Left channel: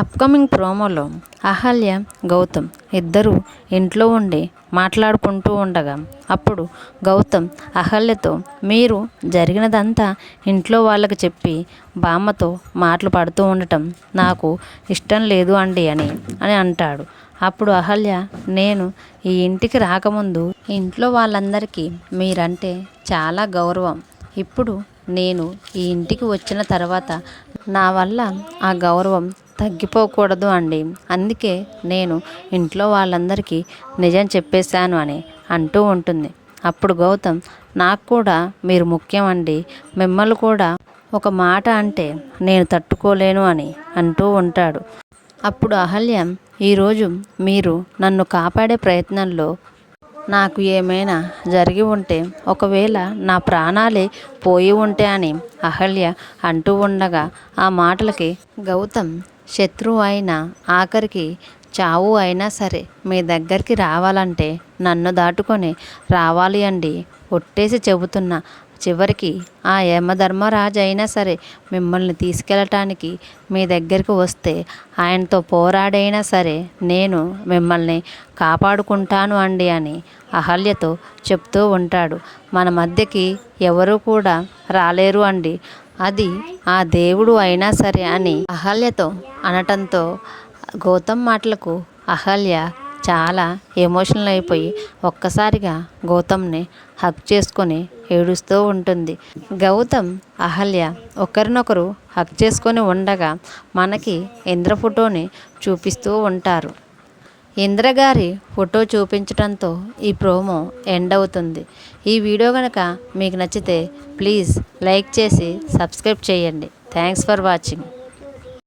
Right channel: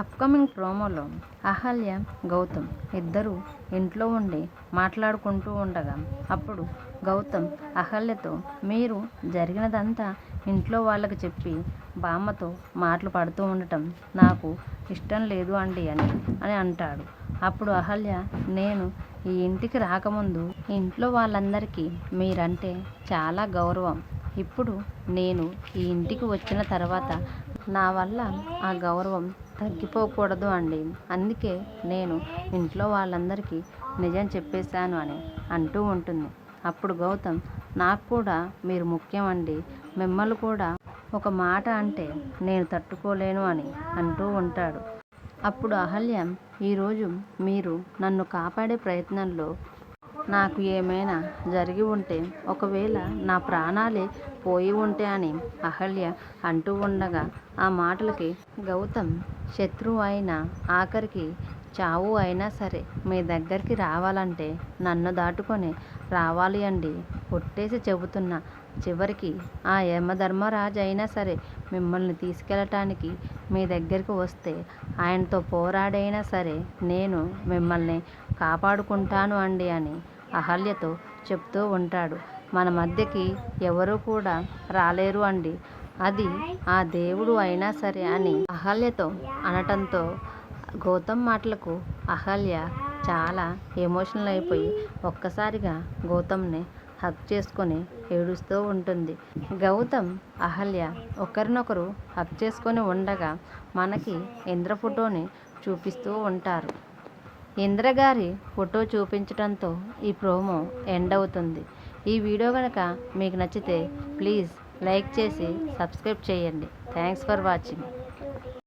Upcoming ప్రోమోలో అహల్య, గౌతమ్ ఇద్దరూ ఇంట్లో ఉండి మాట్లాడుకుంటూ ఉండగా అప్పుడు గౌతమ్ అహల్యతో మీరు జరిగినదంతా ఇంట్లో వాళ్ళకి చెప్పి బామ్మతో మాటలు పడుతూ ఉండటం నాకు ఇష్టం లేదు అండి అని అంటాడు. అప్పుడు అహల్య, నేను ఈ ఇంటికి రాకముందు ఇంట్లో వాళ్ళందరికీ మీరంటే చాలా గౌరవం. ఇప్పుడు నేను ఈ ఇంటికి వచ్చిన తర్వాత నా వల్ల ఆ గౌరవం తగ్గిపోకూడదు అండి. అందుకే నేను ఇంట్లో వాళ్ళందరికీ నిజం చెప్పేశాను అని అంటూ ఉంటుంది. అప్పుడు గౌతమ్, నాకు కూడా మీరు ముఖ్యం అండి. మిమ్మల్ని కూడా ఒక మాట అంటే నేను తట్టుకోలేను అని అంటూ ఉంటాడు. అప్పుడు అహల్య, ఈరోజు మీరు నన్ను కాపాడే ప్రయత్నంలో నాకు ఏమైనా జరిగి ఉంటే, ఒకవేళ నా ప్రాణాలే పోయి ఉంటే అని అహల్య అంటూ ఉండగా ఆ మాటలకి గౌతమ్, శత్రువు అయినా ఆఖరికి చావు అయినా సరే మీ దగ్గరికి రావాలంటే నన్ను దాటుకొని రావాలి అండి. ఒట్టేసి చెబుతున్నా, చివరికి ఆ యమధర్మరాజు అయినా సరే మిమ్మల్ని తీసుకెళ్ళటానికి మీ దగ్గరికి వస్తే ఆయనతో పోరాడైనా సరే నేను మిమ్మల్ని కాపాడుకుంటాను అండి అని అహల్యతో చెప్తూ ఉంటాడు. మన మధ్యకి ఎవరు కూడా రాలేరు అండి, అది ఆ దేవుడు అయినా సరే అని అహల్యతో అనటంతో గౌతమ్ మాటలకు అహల్య చాలా ఎమోషనల్ అయిపోయి ఒక్కసారిగా గౌతమ్ని హగ్ చేసుకొని ఏడుస్తూ ఉంటుంది. గౌతమ్, అహల్య ఒకరినొకరు హగ్ చేసుకొని ఉండగా మనకి ఇంద్ర ఫోటోని చూపిస్తూ ఉంటారు. ఇంద్రగారి ఫోటో చూపించడంతో ఈ ప్రోమో ఎండ్ అవుతుంది. ఈ వీడియో కనుక మీకు నచ్చితే ప్లీజ్ లైక్ చేసి సబ్స్క్రైబ్ చేయండి. Thanks for watching.